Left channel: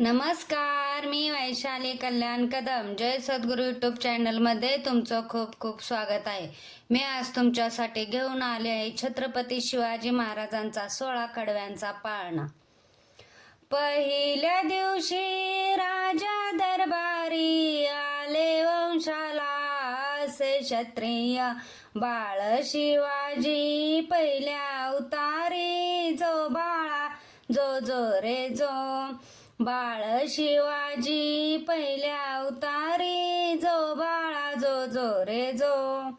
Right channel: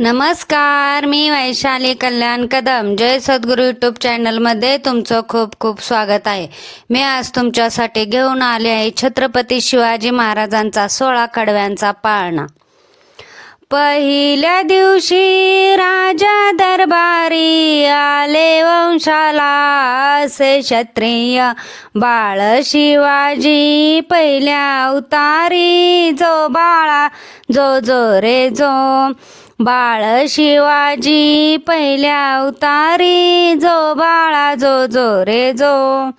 नमस्कार, मी वैशाली कल्याण कदम. जय सद्गुरू यूट्यूब चॅनलमध्ये तुमचं खूप खूप स्वागत आहे. मी आज तुमच्यासाठी घेऊन आले आहे छत्रपती शिवाजी महाराजांचा 16 कडव्यांचा पाळणा. पहिल्या दिवशी राजा दरबारी आले वंशाला, असे क्षत्रिय बाळ शिवाजी पहिल्या अवतारी. जो बाळा जो जो रे जो, बाळ शिवाजी पहिल्या अवतारी. जो बाळा जो जो रे जो.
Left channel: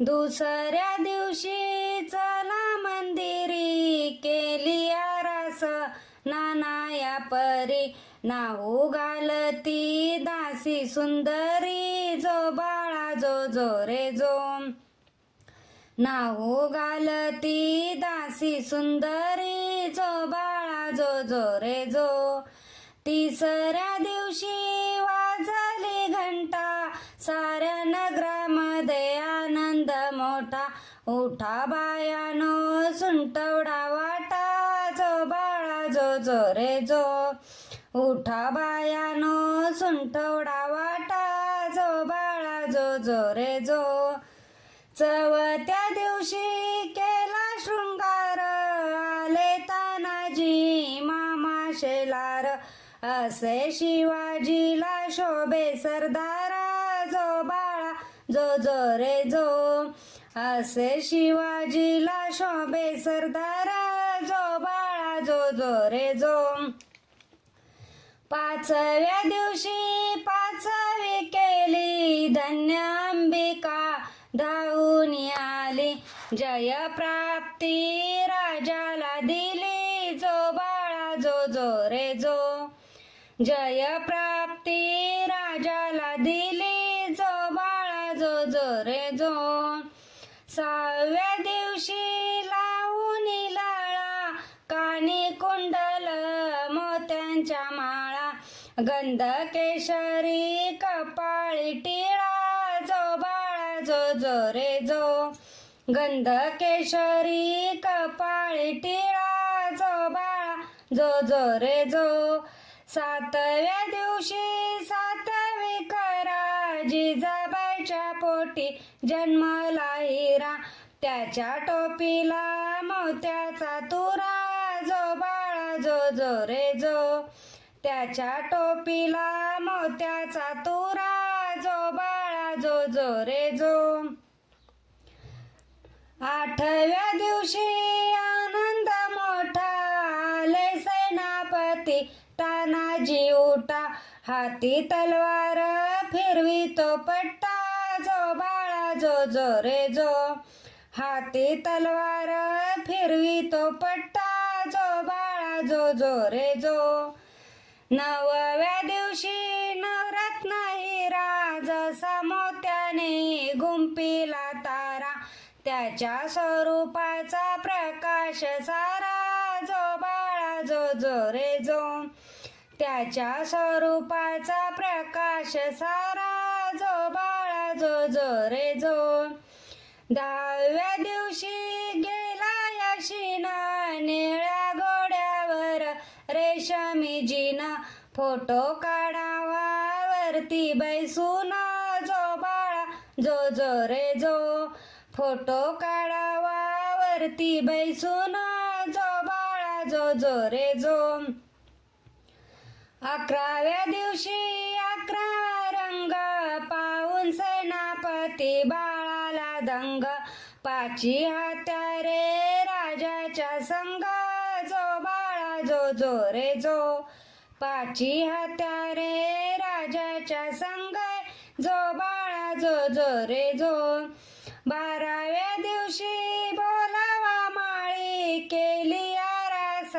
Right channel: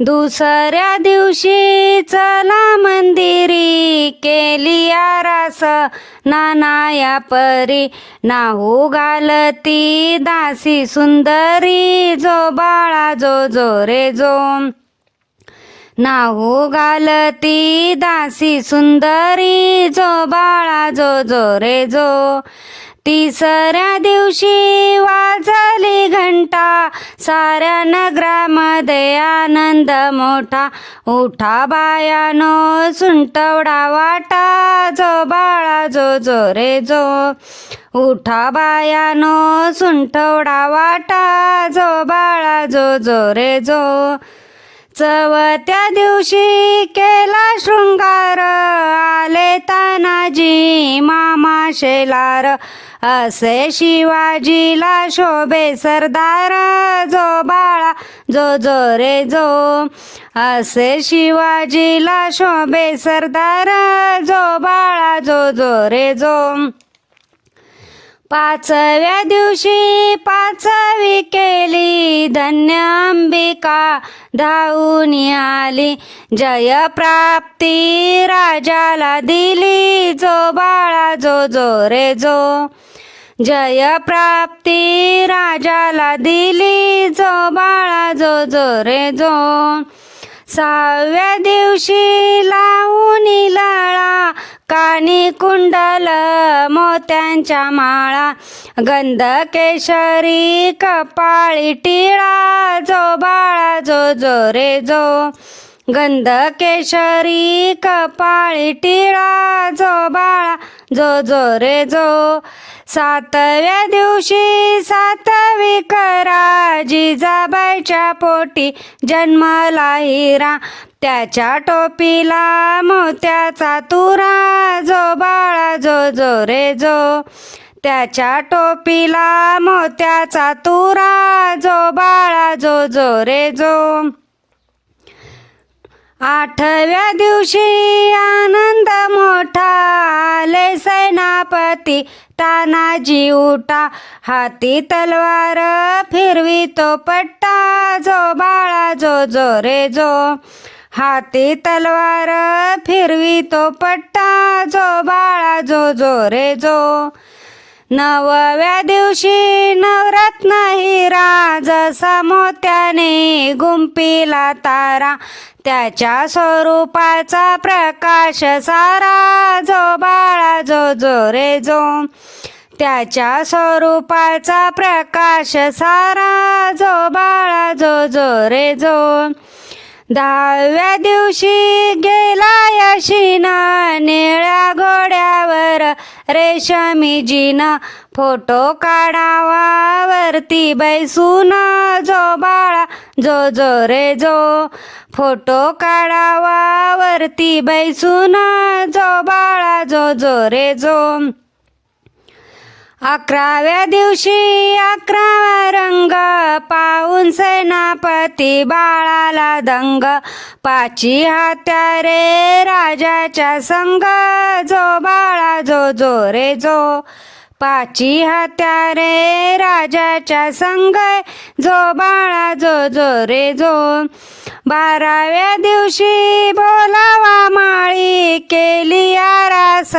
दुसऱ्या दिवशी चला मंदिरी, केली आरास नाना या परी. नाहू घालती दासी सुंदरी. जो बाळा जो जो रे जो, नाहू घालती दासी सुंदरी. जो बाळा जो जो रे जो. तिसऱ्या दिवशी वाजली घंटा, साऱ्या नगरामध्ये आनंद मोठा. उठा बायानो सुंटवडा वाटा. जो बाळा जो जो रे जो. उठा बायानो सुंटवडा वाटा. जो बाळा जो जो रे जो. चवथ्या दिवशी केला शृंगार, आले तानाजी मामा शेलार. असे शिवाजीला शोभे सरदार. जो बाळा जो जो रे जो. असे शिवाजीला शोभे सरदार. जो बाळा जो जो रे जो. पाचव्या दिवशी पाचवी केली, धन्य अंबिका धावून आली. जय प्राप्ती राजाला दिली. जो बाळा जो जो रे जो. जय प्राप्ती राजाला दिली. जो बाळा जो जो रे जो. सहाव्या दिवशी लावून लाळा, कानी कुंडल मोत्यांच्या माळा. गंध केशरी कपाळी टिळा. जो बाळा जो जो रे जो. गंध केशरी कपाळी टिळा. जो बाळा जो जो रे जो. सातव्या दिवशी सातवी करा, जिजाबाईच्या पोटी जन्मला हिरा. त्याच्या टोपीला मोत्याचा तुरा. जो बाळा जो जो रे जो. त्याच्या टोपीला मोत्याचा तुरा. जो बाळा जो जो रे जो. आठव्या दिवशी आनंद मोठा, आले सेनापती तानाजी उठा. हाती तलवार फिरवी तो पट्टा. जो बाळा जो जो रे जो. हाती तलवार फिरवी तो पट्टा. जो बाळा जो जो रे जो. नवव्या दिवशी नवरत्न हिरा, जसा मोत्याने गुंफिला तारा. त्याच्या स्वरूपाचा प्रकाश सारा. जो बाळा जो जो रे जो. त्याच्या स्वरूपाचा प्रकाश सारा. जो बाळा जो जो रे जो. दहाव्या दिवशी गेला यशीना, निळ्या घोड्यावर रेशमी जीन. फोटो काढावा वरती बैसून. जो बाळा जो जो रे जो. फोटो काढावा वरती बैसून. जो बाळा जो जो रे जो. अकराव्या दिवशी 11वा रंग, पाहून सेनापती बाळाला दंग. पाची हत्यारे राजाच्या संग. जो बाळा जो जो रे जो. पाची हत्यारे राजाच्या संग. जो बाळा जो जो रे जो. 12व्या दिवशी बोलावा माळी, केली आरास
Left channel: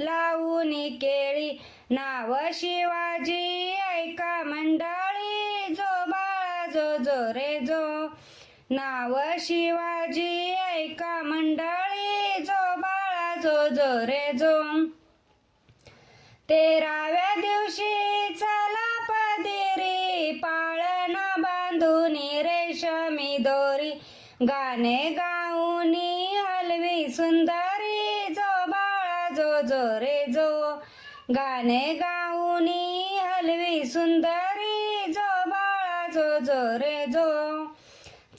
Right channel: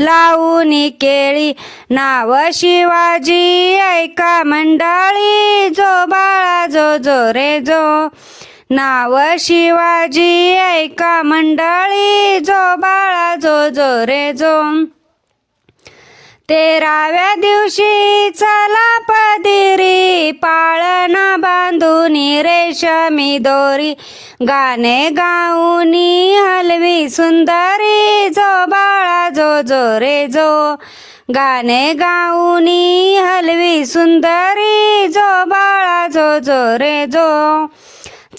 लावून केळी. नाव शिवाजी ऐका मंडळी. जो बाळा जो जो रे जो. नाव शिवाजी ऐका मंडळी. जो बाळा जो जो रे जो. 13व्या दिवशी चला पदिरी, पाळणा बांधून रेशमी दोरी. गाणे गाऊनी हलवी सुंदरी. जो बाळा जो जो रे जो. गाणे गाऊनी हलवी सुंदरी जो बाळा जो जो रे जो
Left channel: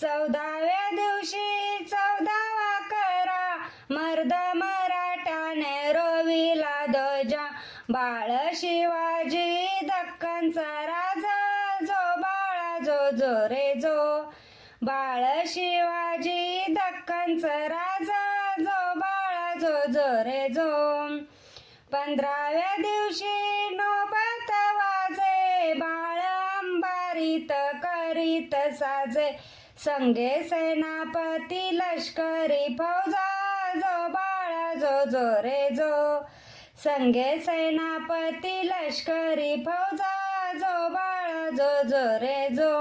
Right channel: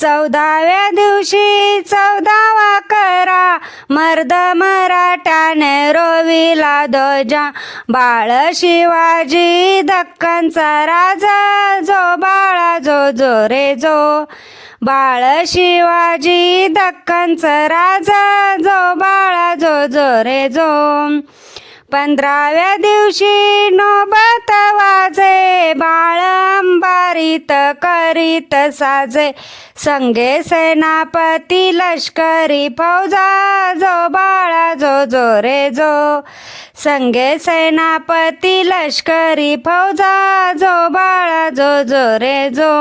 14व्या दिवशी 14वा करा मर्द मराठाने रोविला ध्वजा बाळ शिवाजी दक्खनचा राजा जो बाळा जो जो रे जो बाळ शिवाजी दक्खनचा राजा जो बाळा जो जो रे जो 15व्या दिवशी नौबत वाजे बाळ अंबारीत करीत साजे संगे सेनापती लष्करी फौजा जो बाळा जो जो रे जो संगे सेनापती लष्करी फौजा जो बाळा जो जो रे जो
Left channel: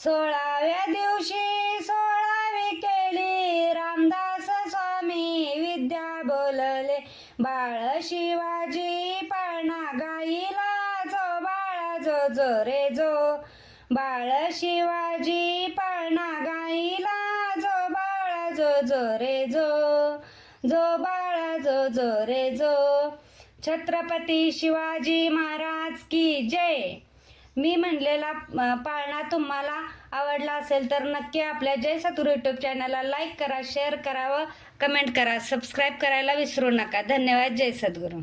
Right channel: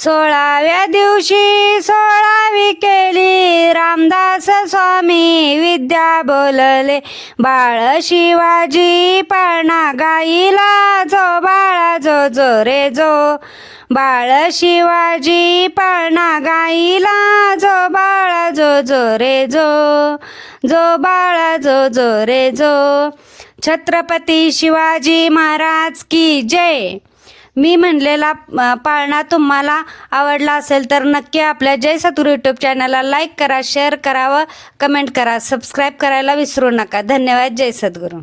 16व्या दिवशी 16वी केली रामदास स्वामी विद्या बोलले बाळ शिवाजी पाळणा गाईला जो बाळा जो जो रे जो बाळ शिवाजी पाळणा गाईला जो बाळा जो जो रे जो जो बाळा जो जो रे जो छत्रपती शिवाजी महाराज की जय. मी म्हणलेला पाळणा तुम्हाला आवडला असेल तर नक्की आपल्या जय सद्गुरू यूट्यूब चॅनलला लाईक करा, शेअर करा व कमेंट करा. सबस्क्राईब करायला विसरू नका. धन्यवाद. जय सद्गुरू.